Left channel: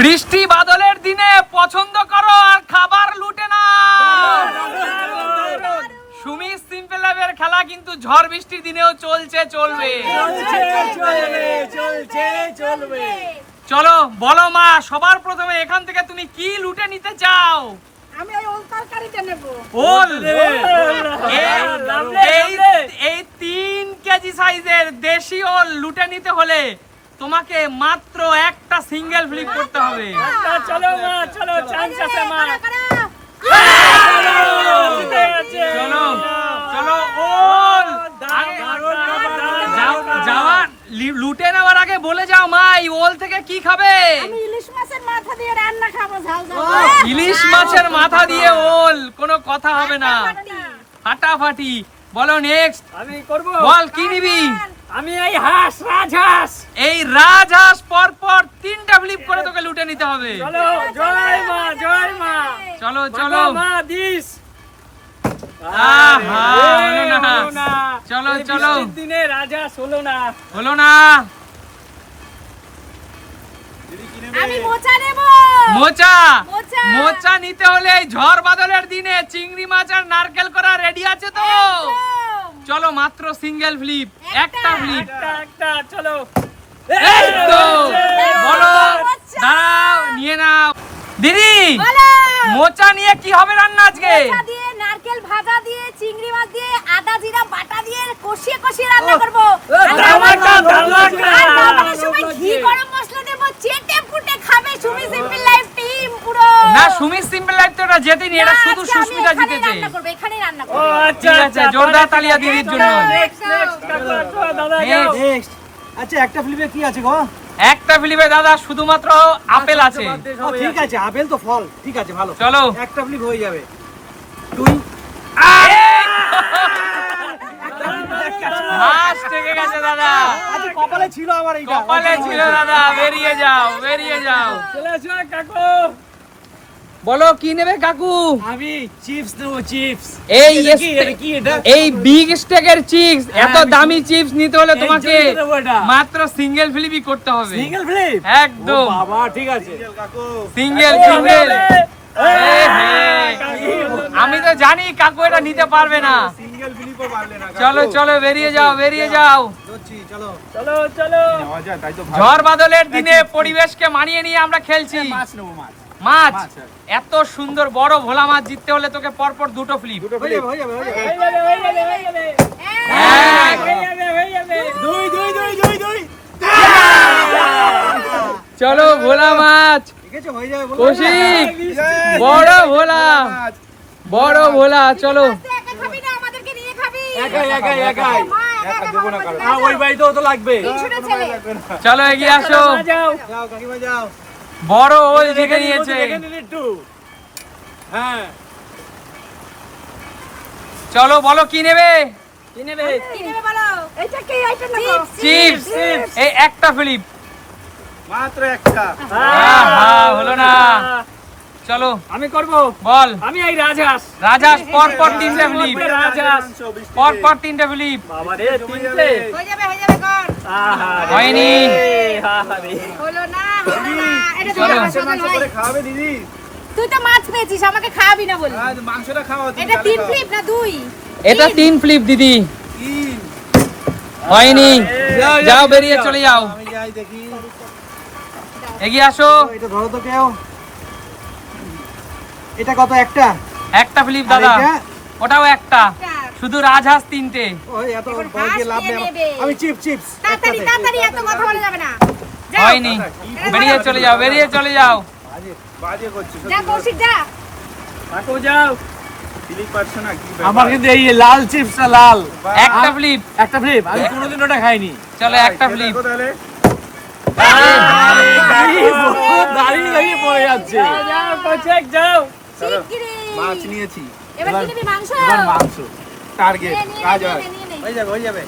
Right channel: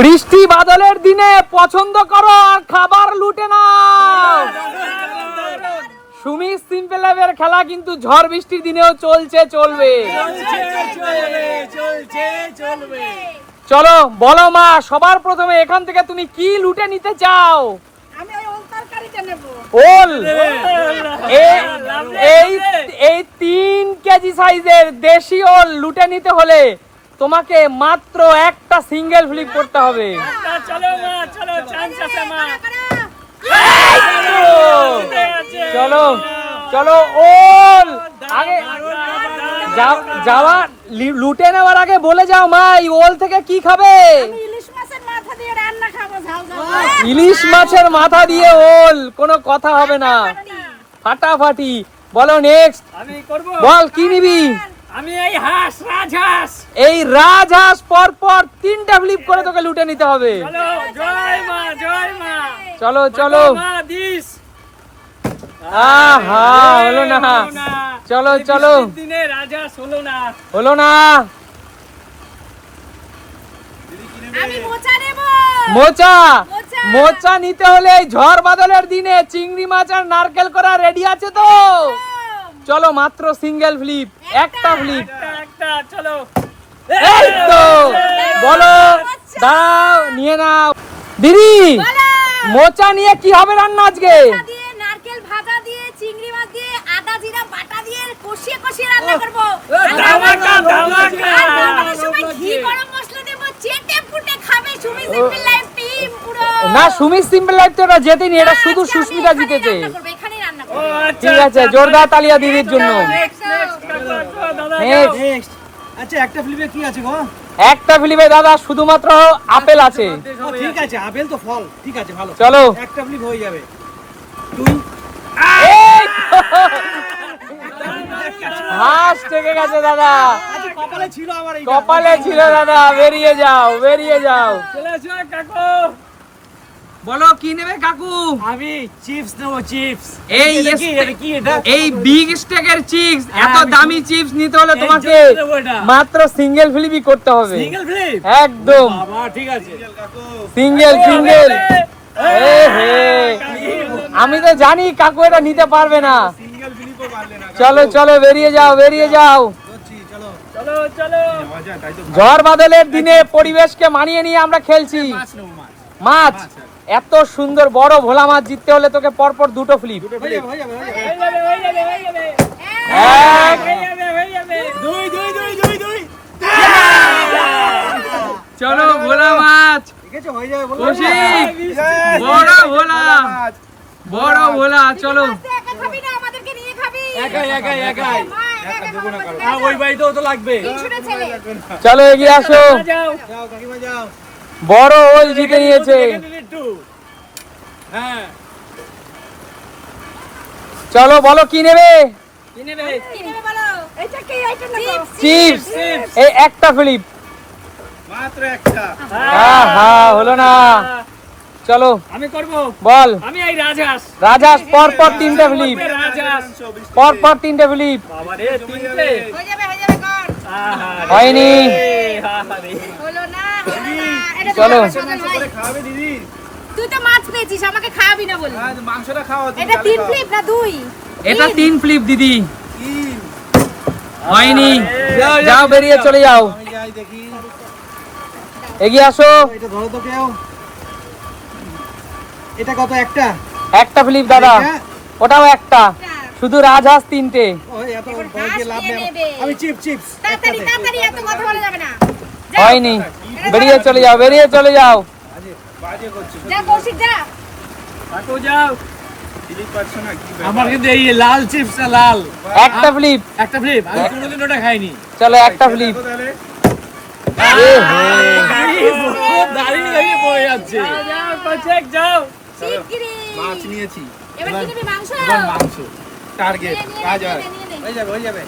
বৃষ্টি বাদলের দিনে পছন্দ করো আর খাবার লুটে না। সুমি সিম্পল লাইফের খেলা কিন্তু ঝড় বৃষ্টির দিনেও চলছে, চলবে। চলো বলো মা, সবার প্রথমে এখান থেকে তুমি কি লুটে নিতে চাও? আমি ওই ওল তরকারিটা নেব। ওল, এই 3 কেজি সাইজের দেশি ওল লুটে নিতে হলে তোমাকে মাত্র একটা সিঙ্গেল ফ্লিপ করতে হবে। চলো মা, চলো, চান্স আছে মা। চলো চলো, ওল যাওয়া লুটে নেওয়ার আগে বলে যাও মা, এই ওল থেকে কি খাবে? আমি ইলিশ মাছের মাথা দিয়ে রান্না খাবো, ঝাল ঝাল। ইলিশ মাছের মাথা দিয়ে ওল, কোনো কথা হবে না, ফাটাফাটি। বলো নেক্সট। আমি করব। বল কি নিবি? আমি এই হাঁস, রাজহাঁস। এই রাজহাঁস পর পর 3টা ফ্লিপ করে তোকে লুটে নিতে হবে। চলো, জয় মা, জয় মা। চলো চলো। মা দিস। আহা, হলো না। চলো চলো। দিনে রাজহাঁস হলো না। হলো না। আমি মোচা নেব। মোচা, মোচা। মোচা নিতে হলে এই ঝড় বাদলের দিনে চিংড়ি মাছ আর নারকেল করা রেডি আছে তো? চলো মাত্র সিঙ্গেল ফ্লিপ, একটা ফ্লিপ। একটা, চলো। এই তো, বলো, দাও, নিয়ে নাও। দিদি, বলো। মোচা নিয়ে কি হবে রান্না আজকে? মোচা দিয়ে, নারকেল ভাজা দিয়ে, চিংড়ি মাছ দিয়ে, আদা জিরা বাটা দিয়ে কষিয়ে কষিয়ে রান্না করব। ধামাকা, ধামাকা। আর খাবারের সময় ঘি গরম মশলা দেব, চেটে পুটে খাবে সুমি সিম্পল লাইফ টিম পুরো। না, সুমি সিম্পল লাইফ তো এটা জেতেনি, এটা শুধু আজকে আমি সুস্মিতা এখানেই জিতেছে। রান্না করব, এখানেই রান্না ও করব। আচ্ছা, ঠিক আছে, জোরদার তালিয়া দিদির জন্য। নেক্সট, কাকু, দাদা যাও। Next. নেক্সট। আচ্ছা, একটা ফ্লিপে কি আছে গো? একটা ফ্লিপে দাদা শুধুমাত্র আপেল আছে। ও, ঠিক আছে, আপেল তো ফল। ঠিক আছে, ভালো। চলো। একটা ফ্লিপ হয়ে যাবে। তুই হাঁস থেকে গেছে দাদা, আচ্ছা, কপালে ছিল আমার এইটা। কপালে ছিল দাদা। বেরিয়ে যাও, বেরিয়ে যাও। চলে আসো কাকু। বলো কি নেবে কাকু? আমি চিপস নেবো, চিপস। এই এটা কি? এটা কি এটা? এই বিগ স্টেকের চিপস, এত আমি দামি চিপস নিতে হলে এর তোমাকে জন্য নেবো এটা। মাত্র সিঙ্গেল ফ্লিপই করতে হবে। Single flip? একদম ও বাবা, ঠিক আছে। Single single. আমি তো জানি কাকু এটা নিতে পারবে না। সিঙ্গেল ফ্লিপও পারলে না। চলো চলো, বেরিয়ে যাও, বেরিয়ে যাও। চলো। চলো, চলো। নেওয়া যায়, তাই তো ঝড় বাদলের দিনে পরিবেশকে মানিয়ে নিয়ে আমরা খেলছি। মাছ নেবো, মাছ। মাছ, মাছ, এত সুন্দর বড় ভোলা মাছ জিততে হলে তোকে পরপর দুটো ফ্লিপ। হয়ে যাবে, হয়ে যাবে, হয়ে যাবে। হয়ে যাবে, হয়ে যাবে, হয়ে যাবে। এক, হয়ে যাবে, হয়ে যাবে। দুই, দুই, দুই, দুই, দুই। চলো ভোলা মাছ, ঠিক আছে, হয়ে যাবে, বলো। কৌশিক, Yes! বড় ভোলা, বড় ভোলা। চলো একা খাবি না, আমাদেরকে নিয়ে খাবি। একাই, একাই, একাই। মা, একা একা দেবো না খাবো কারো। না। ওই বাড়িতেও তো লাগবে। তিনশোটা ছেলে। চলো এগিয়ে আসো। যাও। যাও কাকিমা, যাও। বড় ওল জিতে নিয়েছে। দেখে নিন একটু। হ্যাঁ। চলো বলো কি নেবে? কি নেবে? কি নেবে বলো? এটা কি? এটা নেবো। চিপস, এই একটা ফ্লিপ। মাত্র একটা। হলো না। চলো আমি করব। বল। আমি এই রাজহাঁস। রাজহাঁস পর পর 3টে ফ্লিপ, রাজহাঁস। পর পর 3টে ফ্লিপ। বাবা রে, তিনটে। হয়ে যাবে কর। আহা রে। হয়নি। আহা রে। হলো না, হলো না। এটা চলো। চলো করে খাওয়াবে দিদি। তুই তো মাছ পেয়েছিস, আমাকে খাওয়াবি না বলি। আজ মাংসটা খাওয়া তুমি। এটা 3 ফ্লিপ না 2? এটা 3 ফ্লিপ দিদি। তিন। হয়নি। যাও বেরিয়ে চলে যাও, আমি যাই দেখি। এগিয়ে আসো। এটা ধরো তো কেউ। এটা কত? একটা? একটা ফ্লিপ আর দাদা, এটা? ওটাও একটা। শুধু রাজহাঁস 3টে। ওই এত এখন ভয় দিয়ে হাঁস লাভ নিয়ে নেই আমার। নেবে। আমি চিপস। তাড়াতাড়ি তাড়াতাড়ি, এত কথা বলা যাবে না। যাও। হয়নি। বেরিয়ে চলে যাও, বেরিয়ে চলে যাও। বাজে করছো। যা কৌশিক যা। কাকু যাও। ফ্লিপ পাচ্ছ না কি ব্যাপার? আমার কিন্তু এই লাল চিপসটা লাল। একটা ফ্লিপ। একটা ফ্লিপ, আমি কোনোদিন ওটা খাইনি। চলো একটা খেয়ে ফ্লিপ। দেখো তাহলে। দাঁড়িয়ে দাঁড়িয়ে পড়ে যাচ্ছে। যাও, কৌশিক যাও। শিগগিরই। মাছ নিয়েছি। এবার কি নিবি? মাংস? এবার মাংস। টার্গেট নিয়ে নে, কাজ নিয়ে হয়। নে, নিয়ে নে। হয়ে যাবে, হয়ে যাবে।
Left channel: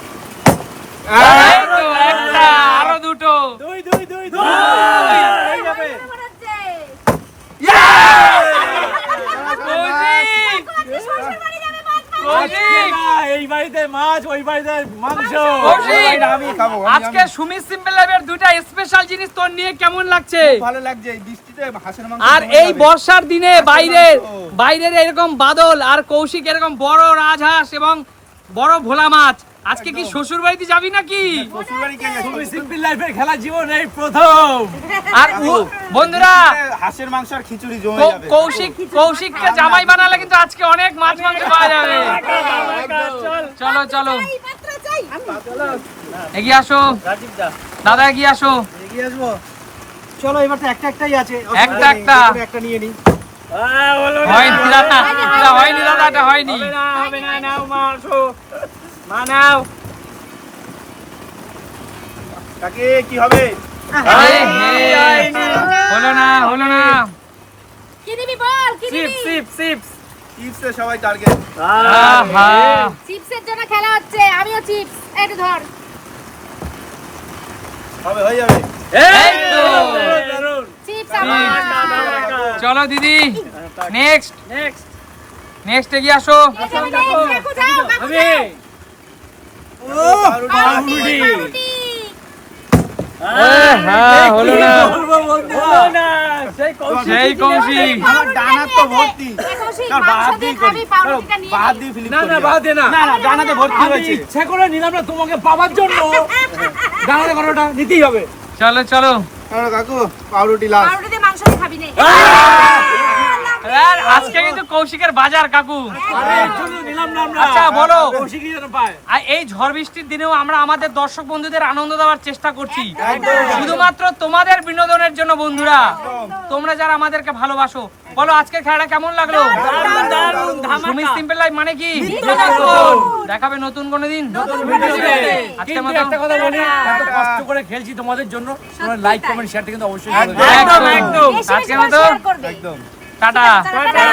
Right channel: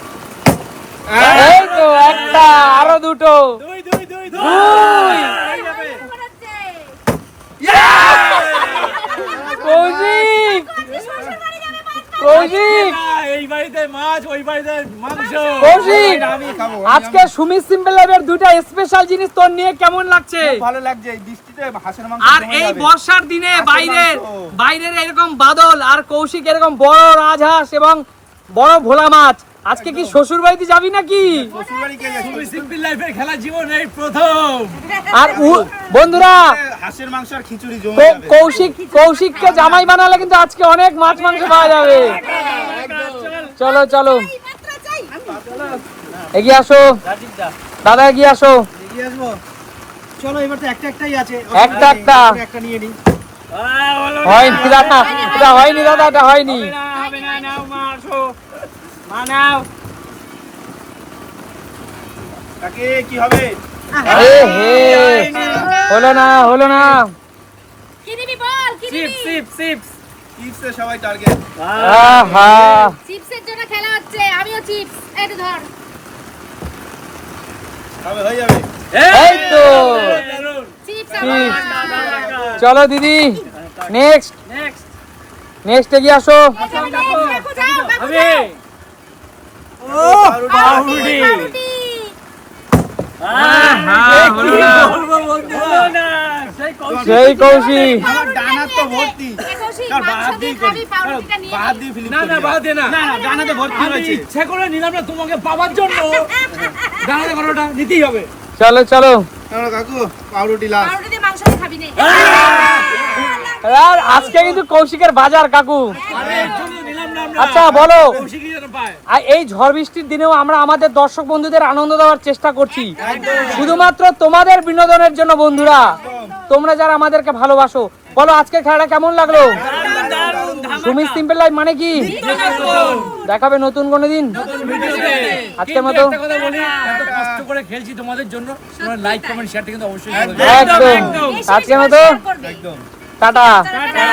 এই তো একটা, আরো দুটো। দুই, দুই, দুই, দুই। হয়ে যাবে। ঘোরাচ্ছে। কৌশিক, কত শ্বশুর বাড়ি যাবে, বাদ দাও। কৌশিক, এই বাড়িতে মাছ ওই বাড়িতে মাংস। কৌশিক, আমি খাবো আজকে সুমিত সিম্পল লাইভের দুইটা স্পেশাল জিনিস তোর নিয়ে কেমন লাগছে? ভালো লাগছে এই বৃষ্টিতে হাঁসের মাংস আর জমে এই যাবে। বর্ষার দিনে বাইরের এরকম বাদল আর কৌশিক এরকম বড় রাজহাঁস এবং বড় ভোলা মাছ, আজকে কি শ্বশুর বাড়িতে যাবি নাকি? শ্বশুরবাড়ি কে গেছে? তুমি সিম্পল লাইফের খেলা জীবন এই প্রথম। আর বন্ধুরা হাঁসের মাংস আর খিচুড়ি জমে যাবে। কৌশিককে জামাই বানালে কিন্তু আজকে অনেক মাছ মাংস পাওয়া যাবে। চলো চলো এই পাত্র চাই। এগিয়ে আসো রাজীব দা দাদা, এগিয়ে আসো। এগিয়ে আসবো। চলো এবার তো একটাই আছে, একটা একটা। একটা নিয়ে নিই। হলো হয়নি দাদা, এটা হয়নি দাদা, এটা হয়নি। হবে না নাও মারছো মানাও কাকে কি হবে? আরে হে, হলো না। কি দিবি বল, কি চিপস দিবি? চিপস চিপস চিপসে সবাই টার্গেট। আহা, চিপসের জন্য খেলা হচ্ছে, আমিও চিপস। একটু ধর। হবে হয়ে যাবে। এই তো। Chips chips. আমার। চলো দিদি, নেক্সট নেক্সট এগিয়ে আসো। কাকু যাও, কাকু হবে যাও। পাউরুটি। পাউরুটি। হলো না। হলো না সেই সেই কৌশিক। আমার ডানা তো ভর্তি। এ কৌশিক, কার মাংস বাদ দিয়ে দিয়ে করি। খাবি, পাউরুটিটা নিয়ে বাদ নে। দিয়ে ফিলিপ না না করি। বাদ দে না। না না ডানাতে ভর্তি আমি হয়েছে। ইচ্ছে করে নিলাম না তোমাকে পাওয়ার জন্য। জানাতে কোনোটা নিতেই হবে। চলো চলো। চলো কাকু পাউরুটি লাস্ট। পাউরুটি দিয়ে মাংস দিয়ে খাবি নে। আর আজকে কিন্তু কৌশিকের বাজার কাকু। আরে এর জন্য নিলাম না আমরা। আচ্ছা, বলো। কৌশিকই যেন পায়। আর এই ঝড় বৃষ্টির দিনেও আমরা আমাদের দর্শক বন্ধুদের আনন্দ দেওয়ার চেষ্টা করছি, শুধুমাত্র তোমাদের বিনোদনের জন্য। বন্ধুরা, তোমরা যারা আমাদেরকে ভালোবাসো, বলো আজকের খেলাটা কেমন লাগলো? দারুণ সুমিত সিম্পল লাইফ মানে কি? দেখাবে নতুন কোনো দিন। ভিডিওতে। আজকের কিন্তু মতো একটা কথা বলি, এত কষ্ট করে খেলছি তোমাদের জন্য, তোমরা লাইক কমেন্ট শেয়ারটা কিন্তু অবশ্যই করে দেবে। একদম একদম। বেশি বেশি আজকের করে মতো share করবে। একদম। টাটা। টাটা।